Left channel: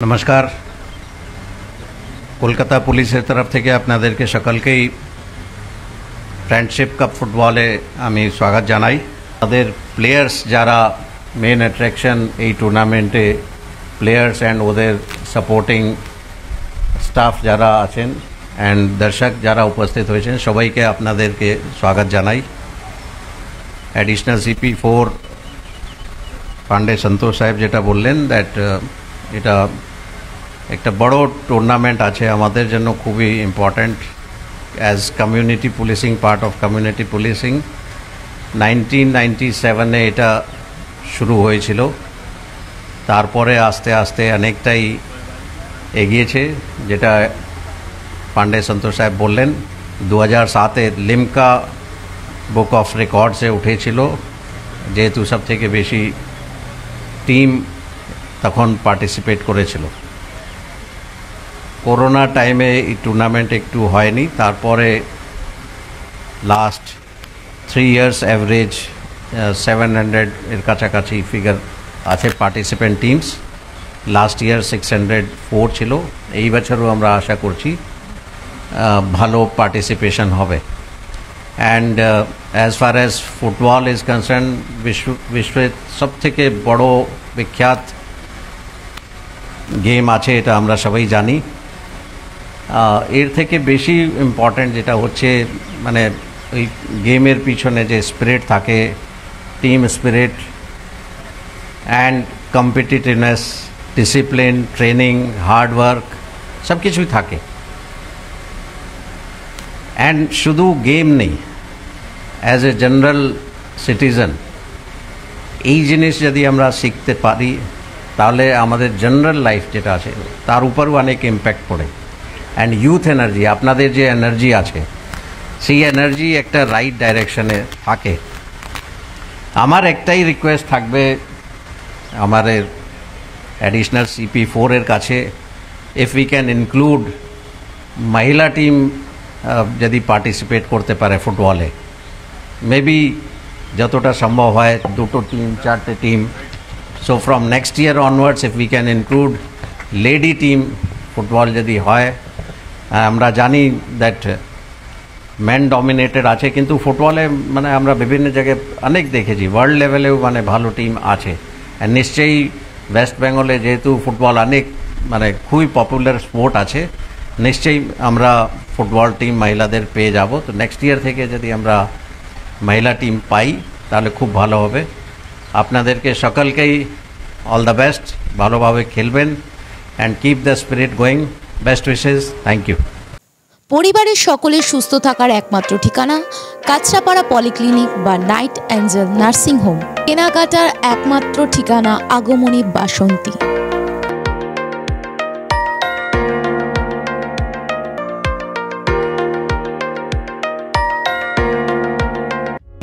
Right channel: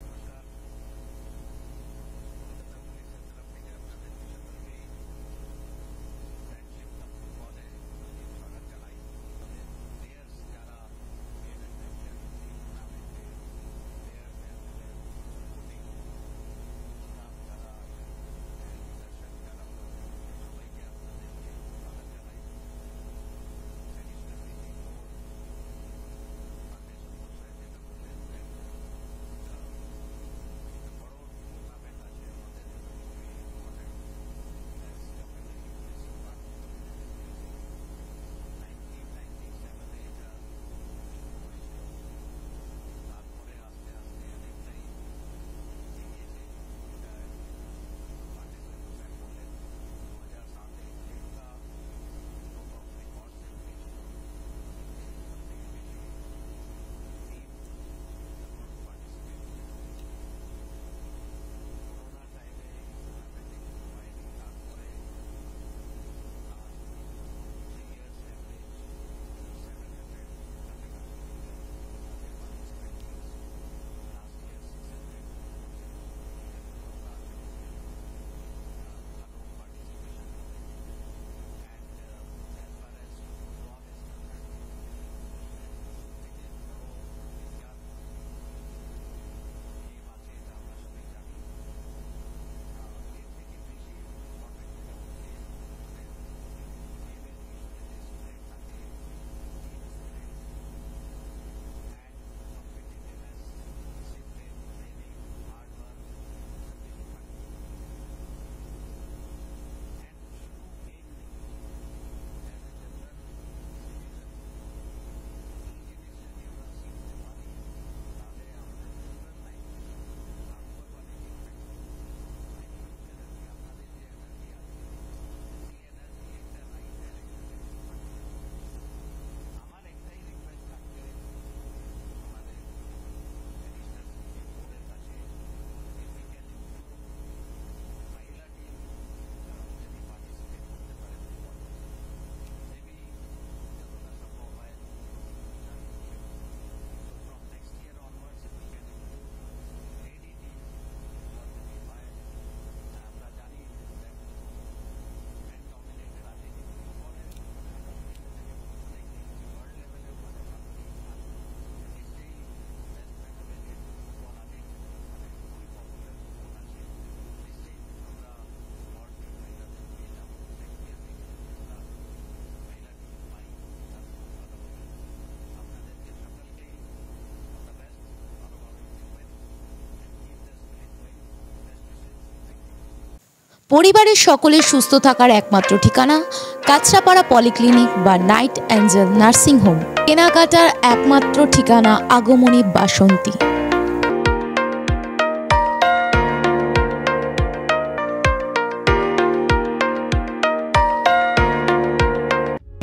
नमस्कार কলকাতা পুলিশের তরফ থেকে আপনাদেরকে সকলকেই ফ্রেন্ডশিপ কাপ ফুটবলে আমি স্বাগত জানাই। আমাদের প্লেয়ার্স যারা মেন অ্যাট্রাকশন এই টুর্নামেন্টে প্লেয়ার্স অ্যান্ড ওদের সাপোর্টিং স্টাফ যারা আছেন অ্যান্ড দর্শক যারা উপস্থিত হয়েছেন সবাইকে আপনাদেরকে স্বাগত জানাই। অ্যাডিশনাল CP4 পান্ডে সন্তোষ সাহেব যেটা বললেন দ্যাট এটা একটা বড় টুর্নামেন্ট আছে আমাদের জন্য, খুবই important as community policing, part of community policing. 1997-এ এটা শুরু হয়েছিল, তারপরে আস্তে আস্তে অনেকটাই এগিয়েছে, যেটা পান্ডে সন্তোষ সাহেব বললেন। 2007-এ লিমকা বুক অফ রেকর্ডসে উঠেছিল, যেহেতু সব থেকে বেশি টিম তখন পার্টিসিপেট করেছিল। করোনা টাইমে এই টুর্নামেন্ট একটু হয়নি, তারপরে লাস্ট 3 ইয়ার্স অ্যাভারেজ 700 এর কাছাকাছি ফিগার আছে পার্টিসিপেন্ট টিমস। লাস্ট ইয়ার 604 ছিল। এই বছরও আমরা আশা করছি ভালো পার্টিসিপেশন হবে। And as far as football is concern, বিশ্বের সবথেকে বড় বিখ্যাত গেম আছে, এটা আমরা সবাই জানি। এর থেকে বেশি ইম্পর্ট্যান্ট যেটা হচ্ছে মানে ওই গেমের পিছনে যে স্পিরিট থাকে, team spirit and competitiveness, discipline, training, hard work সব কিছুই থাকে। অ্যান্ড শুধু গেম নেই, অ্যাজ এ জেনারেল সিটিজেন এই জিনিস যদি আমরা শিখতে পারি তাহলে আমাদের জেনারেল লাইফ যেটা আছে তার উপরও অনেক ইম্প্যাক্ট পড়ে। অ্যান্ড ইউথ এনার্জি, আপনাদের যে এনার্জি আছে সেই এনার্জি একটা রাইট ডাইরেকশনে থাকে। আমার একটাই রিকোয়েস্ট থাকবে আমাদের অ্যাডিশনাল CP4 এর কাছে, ইফ উই ক্যান ইনক্লুড মহিলা টিম যদি পার্টিসিপেট করতে পারে ফুটবলে, মেবি যতটা সম্ভব হয় 2টো টিম 4টে team. So from next year onwards if we can include lady team football যদি হয়। আমরা জানি দ্যাট ম্যান ডমিনেটেড আছে, কিন্তু ফুটবলে মানে আমরা বিভিন্ন জায়গায় অনেক দেখেছি ওয়ার্ল্ড লেভেলেও মানে ভালো টিম আছে। আর নিশ্চয়ই ওয়েস্ট বেঙ্গলে যেহেতু ফুটবল অনেক মানে খুবই পপুলার স্পোর্ট আছে, নিশ্চয়ই আমরা ফুটবল টিম মহিলাদের পেয়ে যাব। তো নেক্সট ইয়ার থেকে যদি আমরা মহিলা টিম পাই তাহলে খুব ভালো হবে। আপনাদেরকে সকলকেই অল দ্য বেস্ট, ভালোভাবে খেলবেন and keep the spirit going. Best wishes, thank you. পরিবারের সকলের সুস্থ থাকার একমাত্র ঠিকানা কাঁচরাপাড়া পলিক্লিনিক বা নাইট অ্যাঞ্জেল নার্সিং হোম। কেনাকাটার একমাত্র ঠিকানা আগমনী বাসন্তী।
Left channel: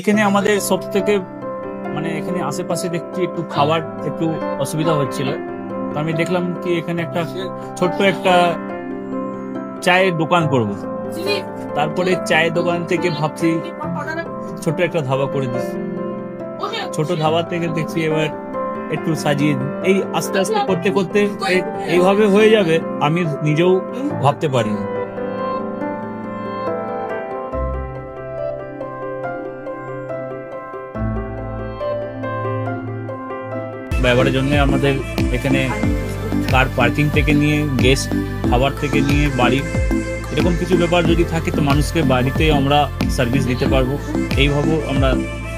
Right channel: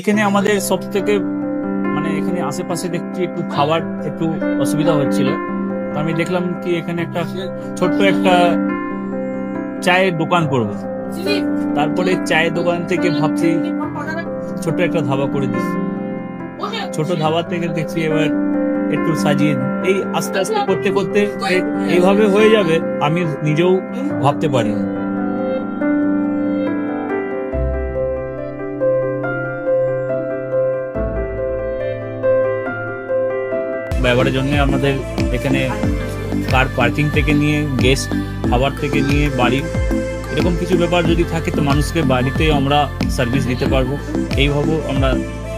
এখানে আমাদের সব থেকে মানে এখানে আশেপাশে দেখছি একটু খাবার একটু অসুবিধা হচ্ছিল, তো আমি দেখলাম কি এখানে একটা ছোট্ট একটা চায়ের দোকান করব। তারপরে চায়ের দোকান থেকে ভাবছি ছোট একটা ধাবা করে দিই। ছোট ধাবা থেকে দেখছি এবার একটু সাজিয়ে এই আস্তে আস্তে করতে করতে এইভাবে হয়ে যাবে, আমি নিজেও ভাবতে পারিনি। ব্যবহারের জন্য আমাদের এখানে কার পার্কিং থেকে নিয়ে গেস্ট খাবার থেকে নিয়ে বাড়ি, এরকম কিছু ব্যাপার যদি থাকে তো মানুষকে বাড়িতে আমরা সার্ভিস দিতে পারবো, এইভাবে আমরা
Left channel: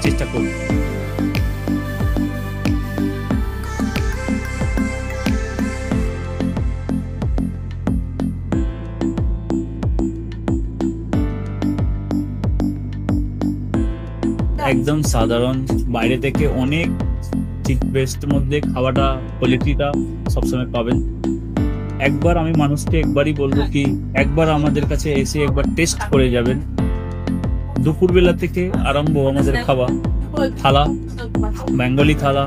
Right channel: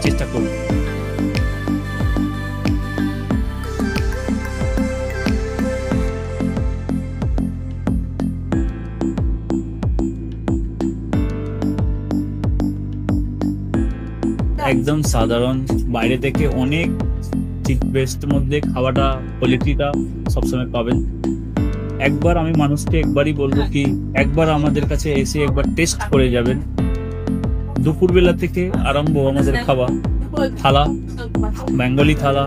চেষ্টা করব। একদম সাধারণ, বাইরে থেকে অনেক চিপ বেস্ট মধ্যে খাওয়াটা কোয়ালিটিটা সবসময় পাবেন। একবার আমি মানুষকে একবারই বলবো কি একবার আমাদের কাছে এসে একবার টেস্ট করে যাবেন। দুপুরবেলা থেকে আরম্ভ আমাদের খাওয়া, থালা, বেঙ্গলি থালা,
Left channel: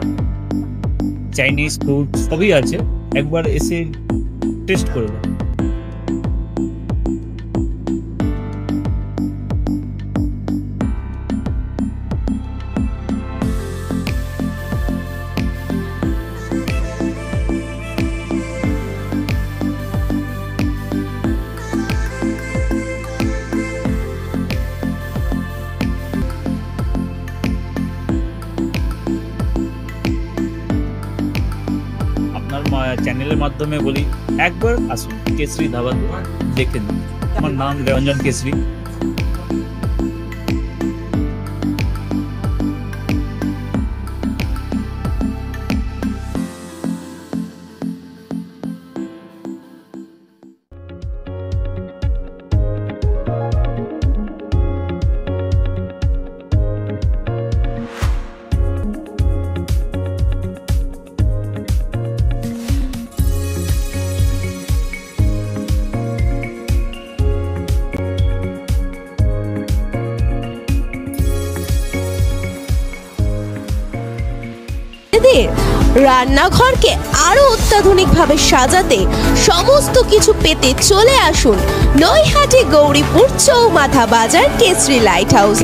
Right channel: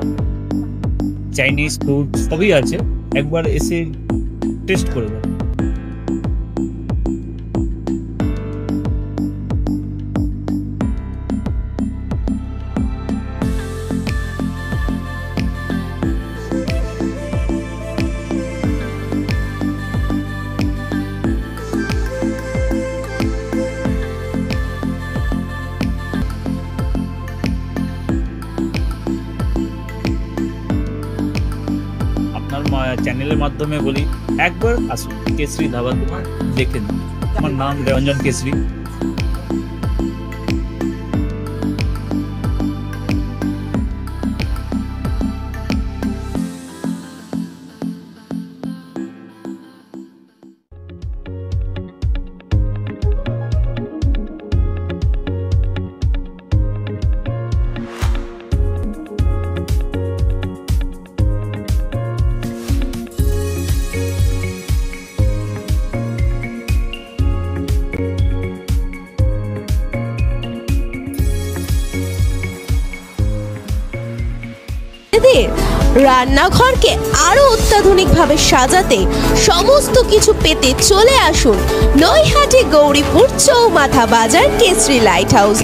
চাইনিজ ফুড সবই আছে, একবার এসে টেস্ট করে যাবেন। চ্যানেলের মাধ্যমে বলি একবার আসুন কেশরী ধাবাতে দেখে নিন। আমার নাম রঞ্জন কেশরী। রান্নাঘরকে আরো অত্যাধুনিকভাবে সাজাতে সমস্ত কিছু পেতে চলে আসুন নৈহাটি গৌরীপুর চৌমাথা বাজার কেশরী লাইট হাউস।